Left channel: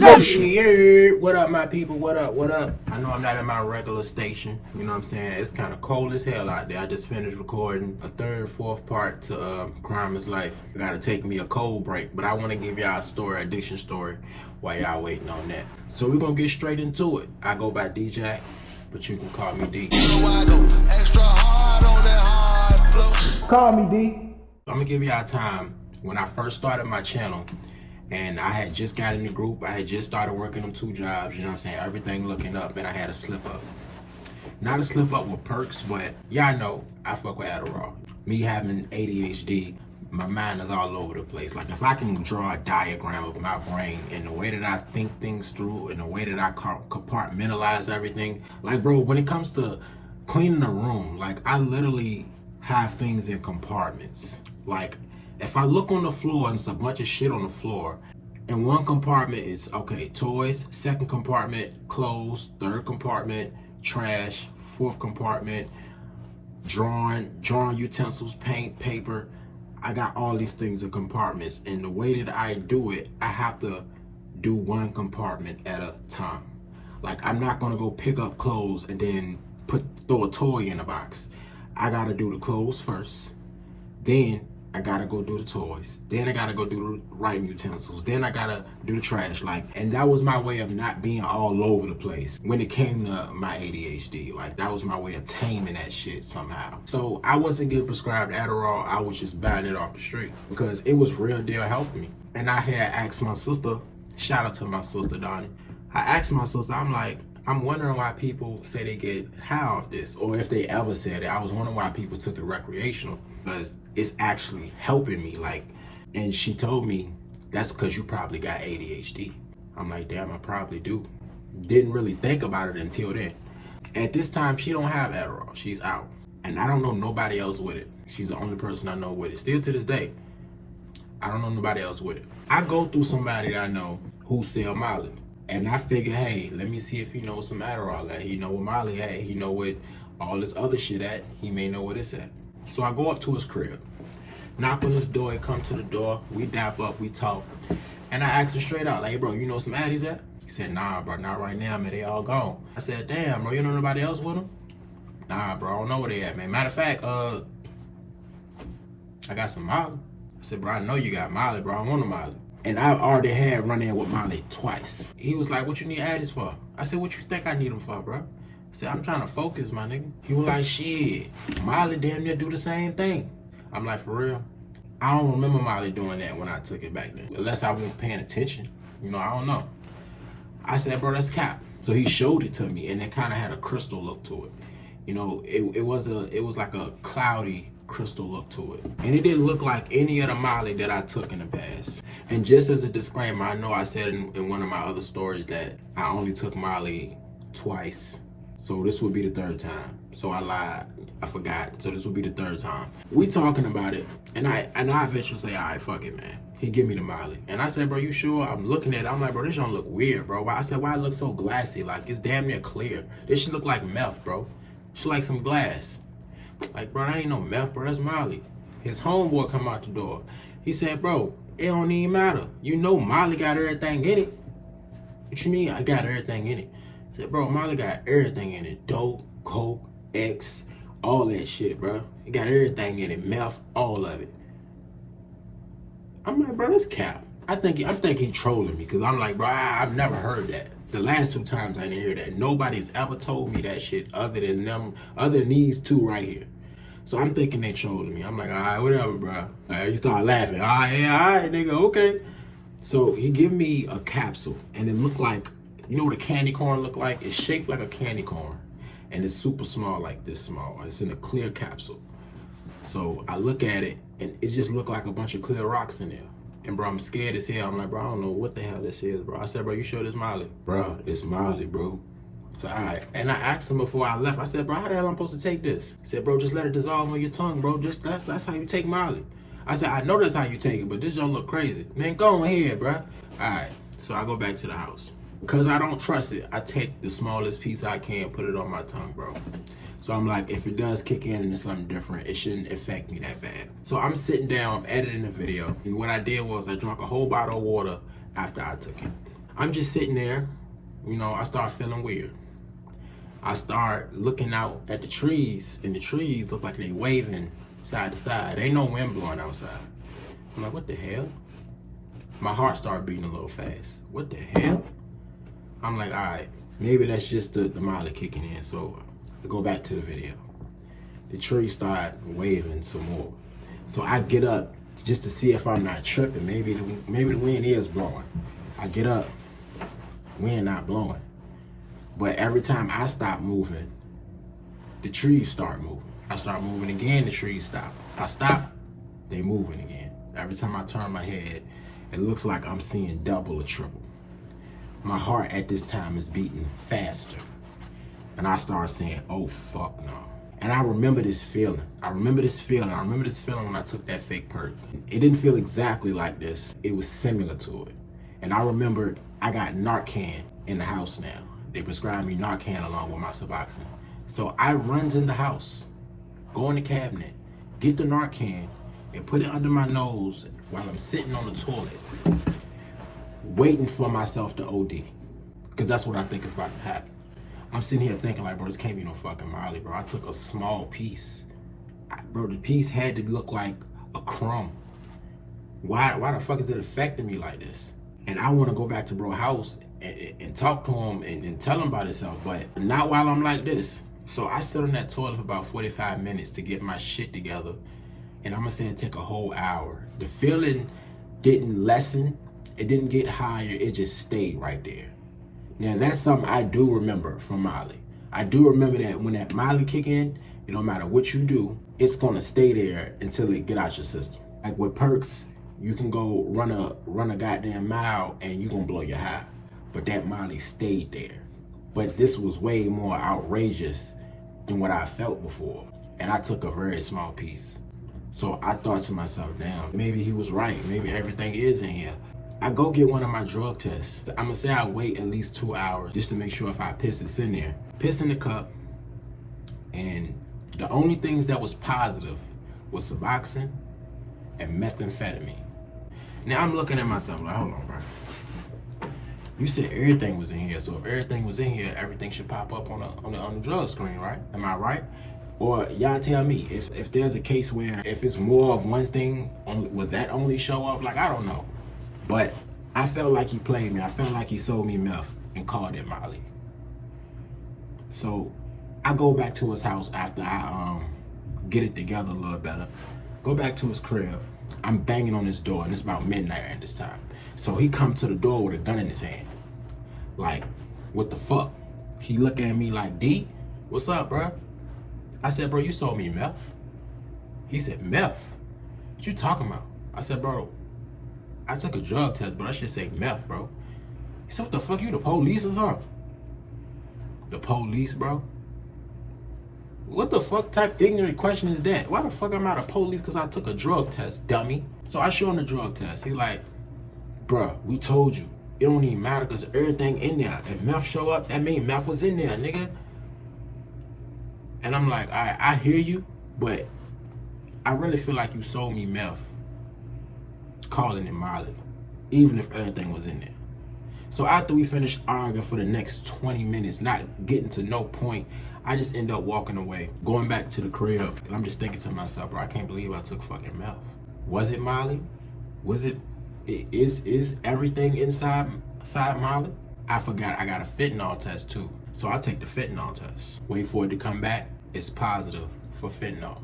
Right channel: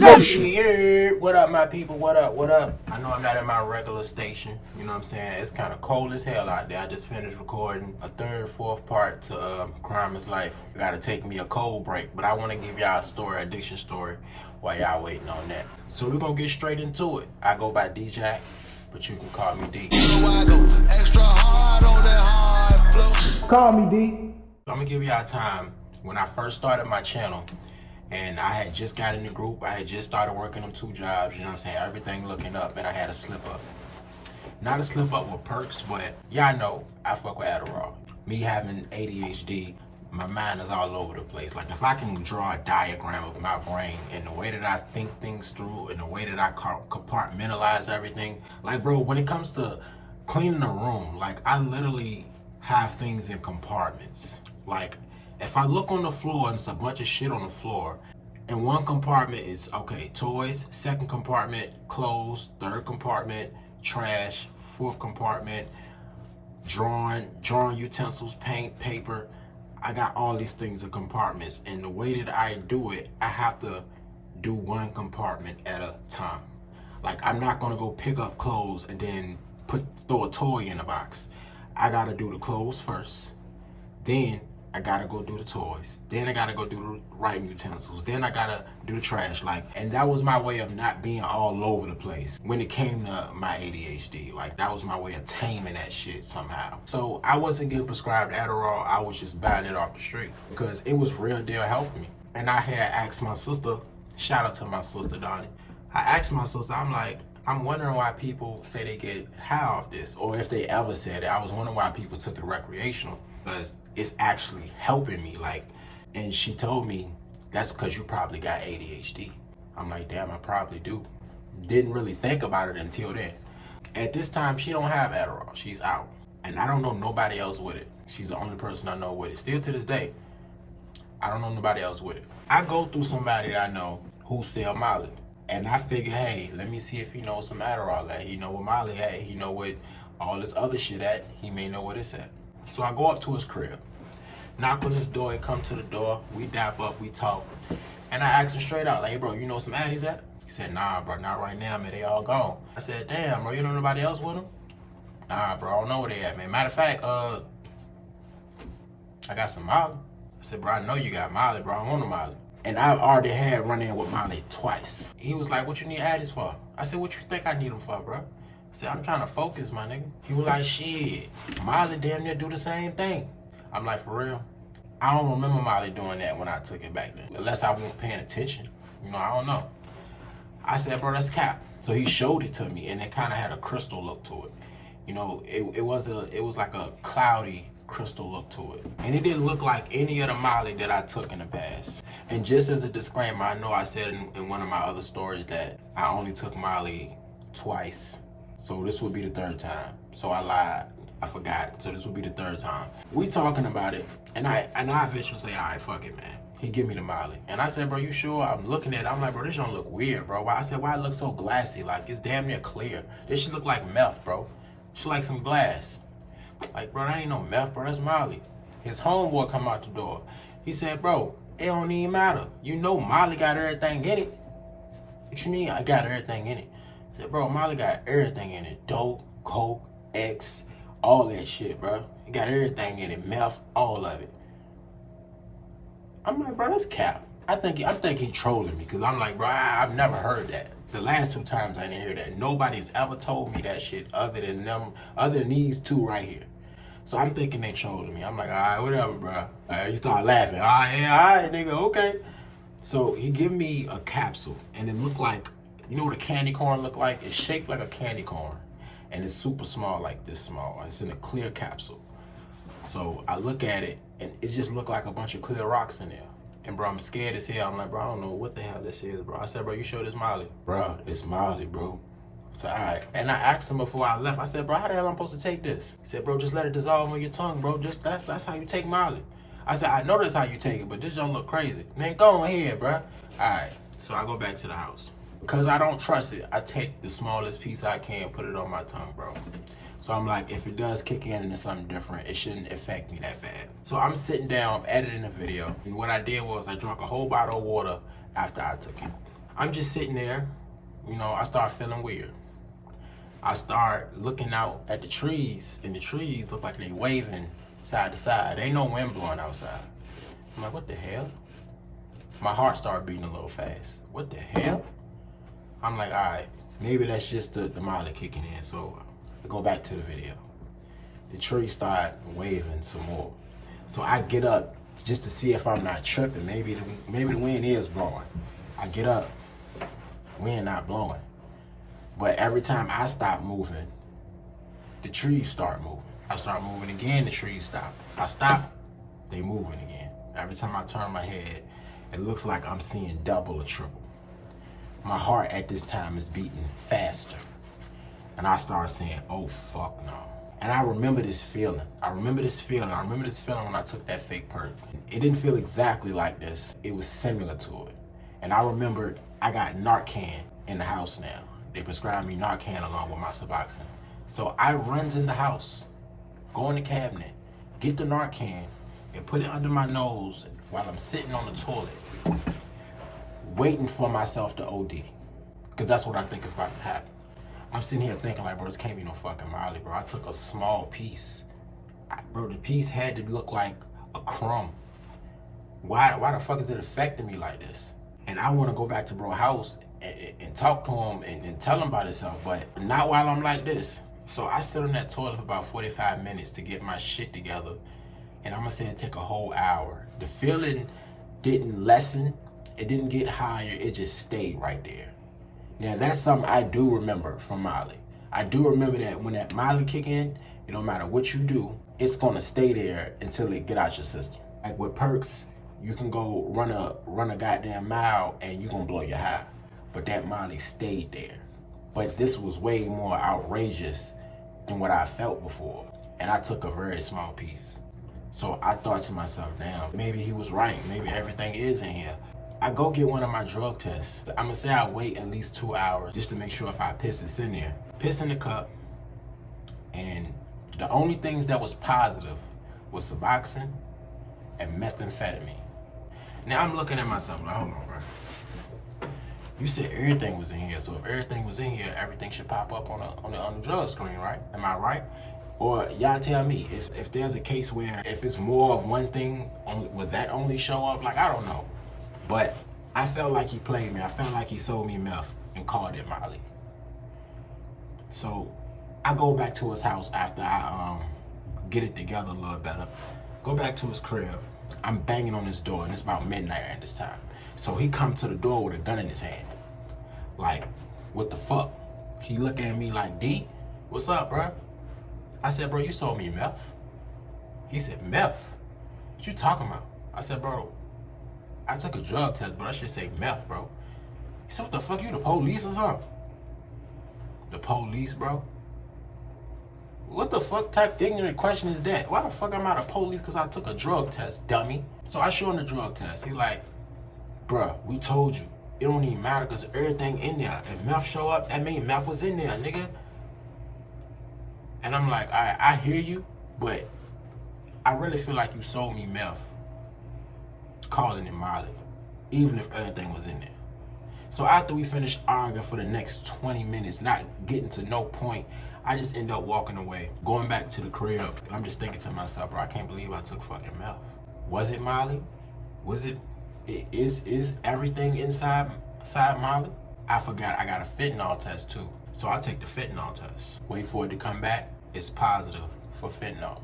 Confrontation. What up, my people? What up? What up? I know I'm not at my regular station. You know what I'm saying? It's kind of cold as hell out there. I just finished recording a third, fourth part to Crime is Life. I gotta take me a cold break, but I want to give y'all a story, addiction story, while y'all waiting on that. So we're gonna get straight into it. I go by D-Jack, but you can call me D. So I go extra hard on that hard flow. Call me D. I'm gonna give y'all time when I first started my channel. And I had just got in the group. I had just started working them 2 jobs, you know what I'm saying? Everything looking up, and I had a slip up. Not a slip up with perks, but y'all know I fuck with Adderall. Me having ADHD, my mind is all over the place. Like if I can draw a diagram of my brain and the way that I think things through and the way that I compartmentalize everything. Like bro, when it comes to cleaning a room, like I literally have things in compartments. Like if I look on the floor and it's a bunch of shit on the floor, in one compartment it's, okay, toys, second compartment, clothes, third compartment, trash, fourth compartment, drawing utensils, paint, paper. I got all these things in compartments, and the way that I do it, I have to do one compartment at a time. Like I'm not gonna go pick up clothes and then throw a toy in a box. I gotta do the clothes first, then I gotta go do the toys. Then I gotta go do the writing utensils. Then I gotta do the trash. And that was my way of not being all over the place when it came to my ADHD. Like that was my way of taming that shit somehow. So I wasn't getting prescribed Adderall. I was just buying it off the street because it was real deal helping me. And I had asked my sister, shout out to my sister Donnie. I asked my sister, I'm like, I'm wondering why people say they get high off this, or if they ever said it. I was wondering why people took it recreational, because it's actually helping me. And she told me, that's because you probably got ADHD. I'm like, damn, I probably do. Didn't really think about it until then. At this time, she don't have Adderall. She's out. And I don't know nobody else with it. She's the only person I know with it. Still to this day, I don't know nobody else with it. I go through somebody that I know who sell Molly. And I figure, hey, let me see if he knows some Adderall at. He know what Molly at. He know what all this other shit at. He may know what it's at. So I go up to his crib, knock on his door. He come to the door. We dap up. We talk. And I asked him straight out, like, hey, bro, you know some Addies at? He said, nah, bro, not right now, man. They all gone. I said, damn, bro, you know nobody else with them? Nah, bro, I don't know where they at, man. Matter of fact, I got some Molly. I said, bro, I know you got Molly, bro. I want a Molly. And I already had run in with Molly twice. He was like, what you need Addies for? I said, what you think I need them for, bro? I said, I'm trying to focus, my nigga. He was like, shit, Molly damn near do the same thing. I'm like, for real? I don't remember Molly doing that when I took it back then. Unless I wasn't paying attention. You know, I don't know. I said, bro, that's cap. So he showed it to me, and it kind of had a crystal look to it. You know, it was like a cloudy crystal look to it. And it didn't look like any of the Molly that I took in the past. And just as a disclaimer, I know I said in one of my other stories that I only took Molly twice. So this would be the 3rd time. So I lied. I forgot. So this would be the 3rd time. We talking about it, and I eventually say, all right, fuck it, man. He give me the Molly. And I said, bro, you sure? I'm looking at it. I'm like, bro, this don't look weird, bro. I said, why it look so glassy? Like, it's damn near clear. This should look like meth, bro. Should like some glass. Like, bro, that ain't no meth, bro. That's Molly. His homeboy come out the door. He said, bro, it don't even matter. You know Molly got everything in it. What you mean I got everything in it? I said, bro, Molly got everything in it. Dope, coke, X, all that shit, bro. It got everything in it. Meth, all of it. I'm like, bro, that's cap. I think he trolling me, because I'm like, bro, I've never heard that. The last 2 times I didn't hear that. Nobody's ever told me that shit other than these 2 right here. So I'm thinking they trolling me. I'm like, all right, whatever, bro. You start laughing. All right, yeah, all right, nigga, okay. So he give me a capsule, and it looked like, you know what a candy corn look like? It's shaped like a candy corn, and it's super small, like this small. It's in a clear capsule. So I look at it, and it just looked like a bunch of clear rocks in there. And bro, I'm scared as hell. I'm like, bro, I don't know what the hell this is, bro. I said, bro, you sure this Molly? Bro, it's Molly, bro. So, all right. And I asked him before I left, I said, bro, how the hell am I supposed to take this? He said, bro, just let it dissolve on your tongue, bro. That's how you take Molly. I said, I know that's how you take it, but this don't look crazy. Man, go ahead, bro. All right. So I go back to the house. Because I don't trust it, I take the smallest piece I can, put it on my tongue, bro. So I'm like, if it does kick in and it's something different, it shouldn't affect me that bad. So I'm sitting down, editing the video, and what I did was I drank a whole bottle of water after I took it. I'm just sitting there, you know, I start feeling weird. I start looking out at the trees, and the trees look like they waving side to side. Ain't no wind blowing outside. I'm like, what the hell? My heart started beating a little fast. What the hell? I'm like, all right, maybe that's just the Molly kicking in. So I go back to the video. The trees start waving some more. So I get up just to see if I'm not tripping. Maybe the wind is blowing. I get up, wind not blowing. But every time I stop moving, the trees start moving. I start moving again, the trees stop. I stop, they moving again. Every time I turn my head, it looks like I'm seeing double or triple. My heart at this time is beating faster. And I start saying, oh fuck no. And I remember this feeling. I remember this feeling when I took that fake perk. It didn't feel exactly like this. It was similar to it. And I remember I got Narcan in the house now. They prescribed me Narcan along with my Suboxone. So I runs in the house, go in the cabinet, get the Narcan, and put it under my nose while I'm sitting on the toilet, waiting for myself to OD. Because that's what I think is about to happen. I'm sitting here thinking like, bro, this can't be no fucking Molly, bro. I took a small piece. Bro, the piece had to look like a crumb. Why the fuck is it affecting me like this? And I want to go back to bro's house and talk to him and tell him about himself, but not while I'm like this. So I sit on that toilet for about 45 minutes to get my shit together, and I'm gonna say it took a whole hour. The feeling didn't lessen, it didn't get higher, it just stayed right there. Now that's something I do remember from Molly. I do remember that when that Molly kick in, it don't matter what you do, it's gonna stay there until it get out your system. Like with perks, you can go run a goddamn mile and you gonna blow your high. But that Molly stayed there. But this was way more outrageous than what I felt before. And I took a very small piece. So I thought to myself, damn, maybe he was right. Maybe everything is in here. I go get one of my drug tests. I'm gonna say I wait at least 2 hours just to make sure if I piss, it's in there. Piss in the cup. And the only things that was positive was Suboxone and methamphetamine. Now I'm looking at myself like, hold on, bro. You said everything was in here, so if everything was in here, everything should pop up on the drug screen, right? Am I right? Or y'all tell me, if there's a case where if it's more of one thing, would that only show up? Like, I don't know. But I felt like he played me. I felt like he sold me meth and called it Molly. So I go back to his house after I get it together a little better. Go back to his crib. I'm banging on his door, and it's about midnight at this time. So he come to the door with a gun in his hand. Like, what the fuck? He look at me like, D, what's up, bro? I said, bro, you sold me meth. He said, meth? What you talking about? I said, bro, I took a drug test, but I should say meth, bro. He said, what the fuck, you the police or something? The police, bro? What the fuck type ignorant question is that? Why the fuck am I the police because I took a drug test, dummy? So I show him the drug test. He like, bruh, we told you. It don't even matter because everything in there. If meth show up, that means meth was in there, nigga. And I'm like, all right, I hear you, but I really feel like you sold me meth, calling it Molly, even if everything was in there. So after we finished arguing for the next 20 minutes, not getting to no point, I just end up walking away, going back to the crib. And I'm just thinking to myself, bro, I can't believe I took fucking meth. Was it Molly? Was it? Is everything inside Molly? I forgot I got a fentanyl test too. So I take the fentanyl test. Wait for it to come back. It's positive for fentanyl.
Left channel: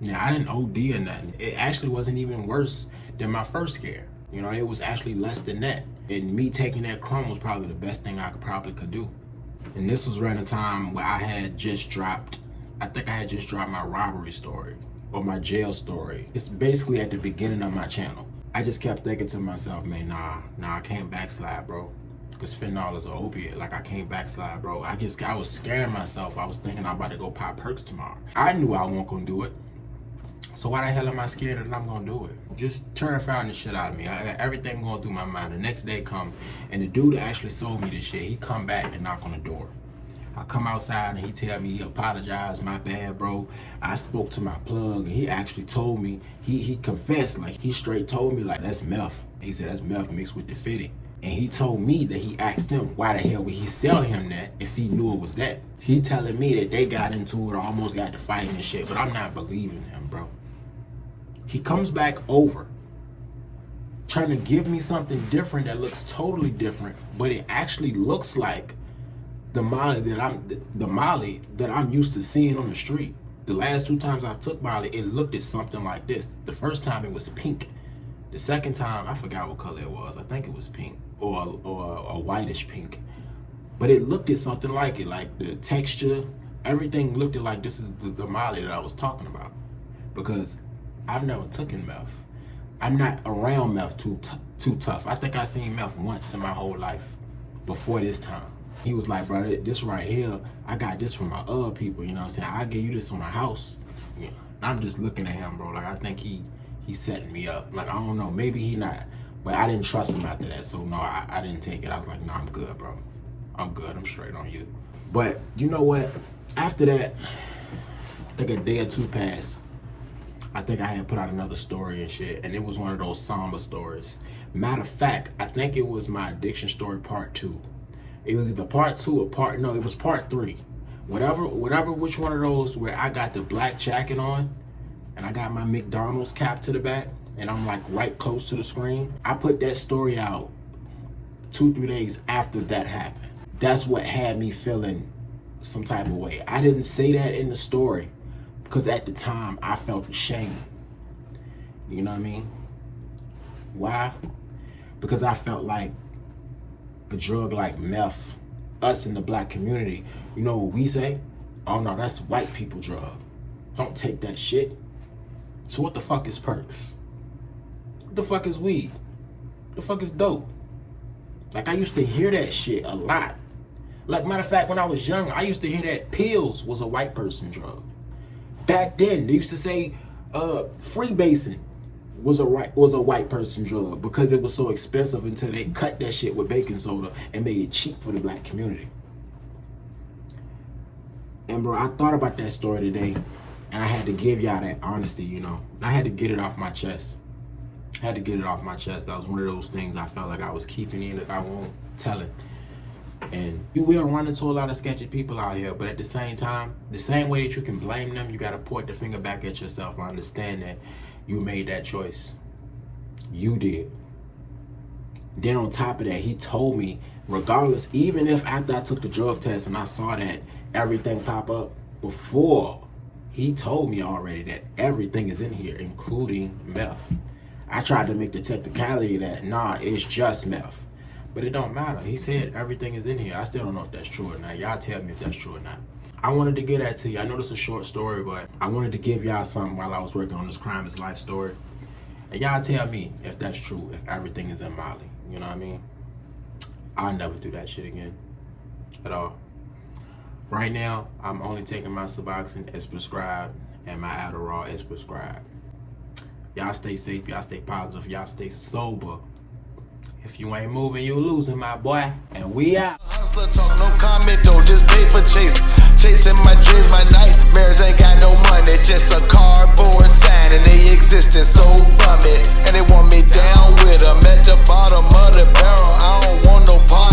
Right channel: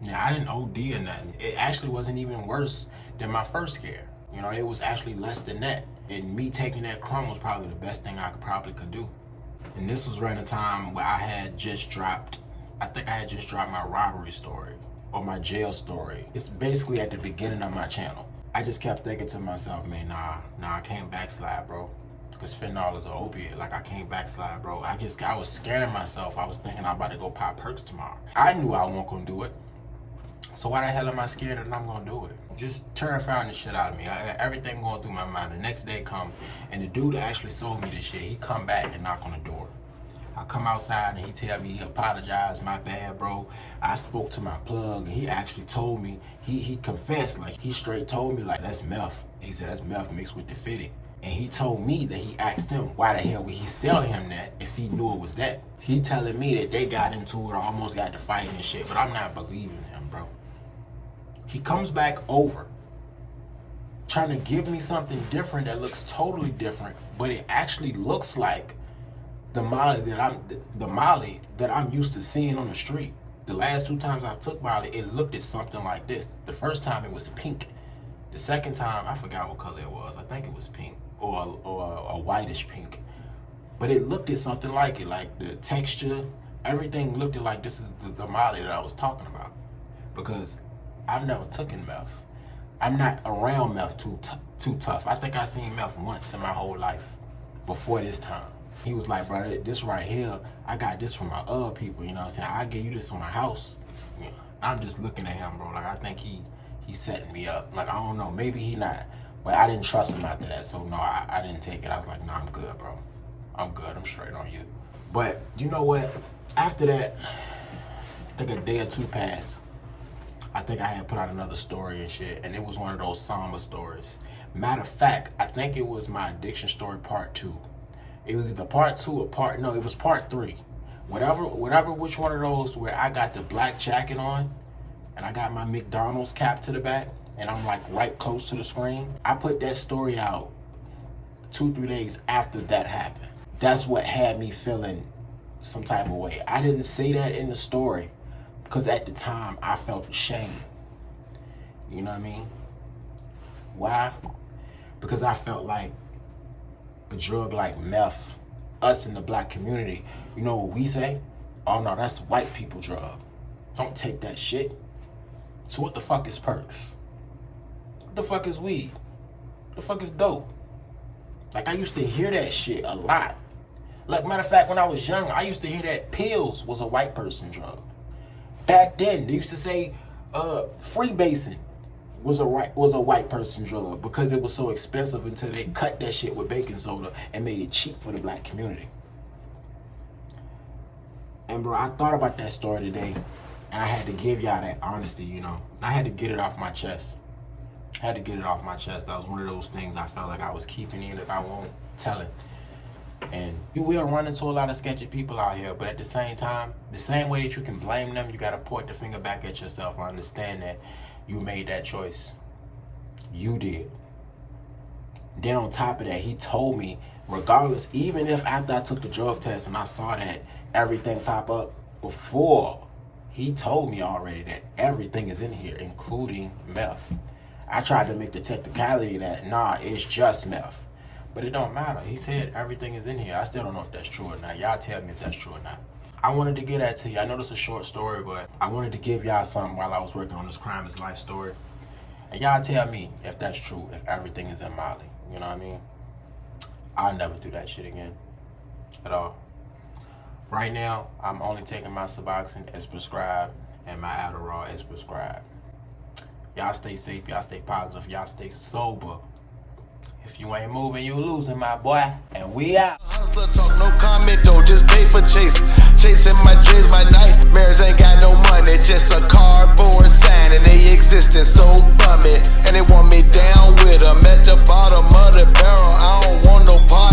Yeah, I didn't OD or nothing. It actually wasn't even worse than my first scare. You know, it was actually less than that. And me taking that crumb was probably the best thing I could do. And this was right in time where I had just dropped, I think I had just dropped my robbery story or my jail story. It's basically at the beginning of my channel. I just kept thinking to myself, man, nah, I can't backslide, bro. Because fentanyl is an opiate. Like, I can't backslide, bro. I was scaring myself. I was thinking I'm about to go pop perks tomorrow. I knew I wasn't gonna do it. So why the hell am I scared that I'm gonna do it? Just terrifying the shit out of me. Everything going through my mind. The next day come, and the dude that actually sold me this shit, he come back and knock on the door. I come outside and he tell me he apologized, my bad, bro. I spoke to my plug and he actually told me, he confessed, like he straight told me like, that's meth. He said, that's meth mixed with the 50. And he told me that he asked him why the hell would he sell him that if he knew it was that. He telling me that they got into it or almost got to fighting and shit, but I'm not believing him, bro. He comes back over trying to give me something different that looks totally different, but it actually looks like the Molly that I'm used to seeing on the street. The last 2 times I took Molly, it looked at something like this. The first time it was pink. The second time, I forgot what color it was. I think it was pink or a whitish pink. But it looked at something like it, like the texture, everything looked at like this is the Molly that I was talking about. Because I've never taken meth. I'm not around meth too tough. I think I seen meth once in my whole life before this time. He was like, bro, this right here, I got this from my other people, you know what I'm saying? I give you this on my house. Yeah. I'm just looking at him, bro. Like, I think he's setting me up. Like, I don't know, maybe he not. But I didn't trust him after that. So no, I didn't take it. I was like, nah, I'm good, bro. I'm good. I'm straight on you. But you know what? After that, I think a day or 2 passed. I think I had put out another story and shit, and it was one of those somber stories. Matter of fact, I think it was my addiction story part 2. It was either part 2 or no, it was part 3. Whatever, which one of those where I got the black jacket on and I got my McDonald's cap to the back and I'm like right close to the screen. I put that story out 2-3 days after that happened. That's what had me feeling some type of way. I didn't say that in the story because at the time I felt ashamed. You know what I mean? Why? Because I felt like a drug like meth, us in the black community, you know what we say? Oh no, that's white people drug. Don't take that shit. So what the fuck is perks? What the fuck is weed? What the fuck is dope? Like, I used to hear that shit a lot. Like, matter of fact, when I was young, I used to hear that pills was a white person drug. Back then, they used to say freebasing was a white person drug because it was so expensive until they cut that shit with baking soda and made it cheap for the black community. And bro, I thought about that story today and I had to give y'all that honesty, you know. I had to get it off my chest. I had to get it off my chest. That was one of those things I felt like I was keeping in that I won't tell it. And you will run into a lot of sketchy people out here, but at the same time, the same way that you can blame them, you gotta point the finger back at yourself and understand that you made that choice. You did. Then on top of that, he told me, regardless, even if after I took the drug test and I saw that everything pop up, before, he told me already that everything is in here, including meth. I tried to make the technicality that, nah, it's just meth. But it don't matter. He said everything is in here. I still don't know if that's true or not. Y'all tell me if that's true or not. I wanted to get that to you. I know this is a short story, but I wanted to give y'all something while I was working on this Crime is Life story. And y'all tell me if that's true, if everything is in Molly. You know what I mean? I'll never do that shit again. At all. Right now, I'm only taking my Suboxone as prescribed and my Adderall as prescribed. Y'all stay safe. Y'all stay positive. Y'all stay sober. If you ain't moving, you losing, my boy. And we out. Hustler talk, no comment though, just paper chase. Chasing my dreams, my nightmares ain't got no money. Just a cardboard sign and they existing so bummy. And they want me down with them at the bottom of the barrel. I don't want no part.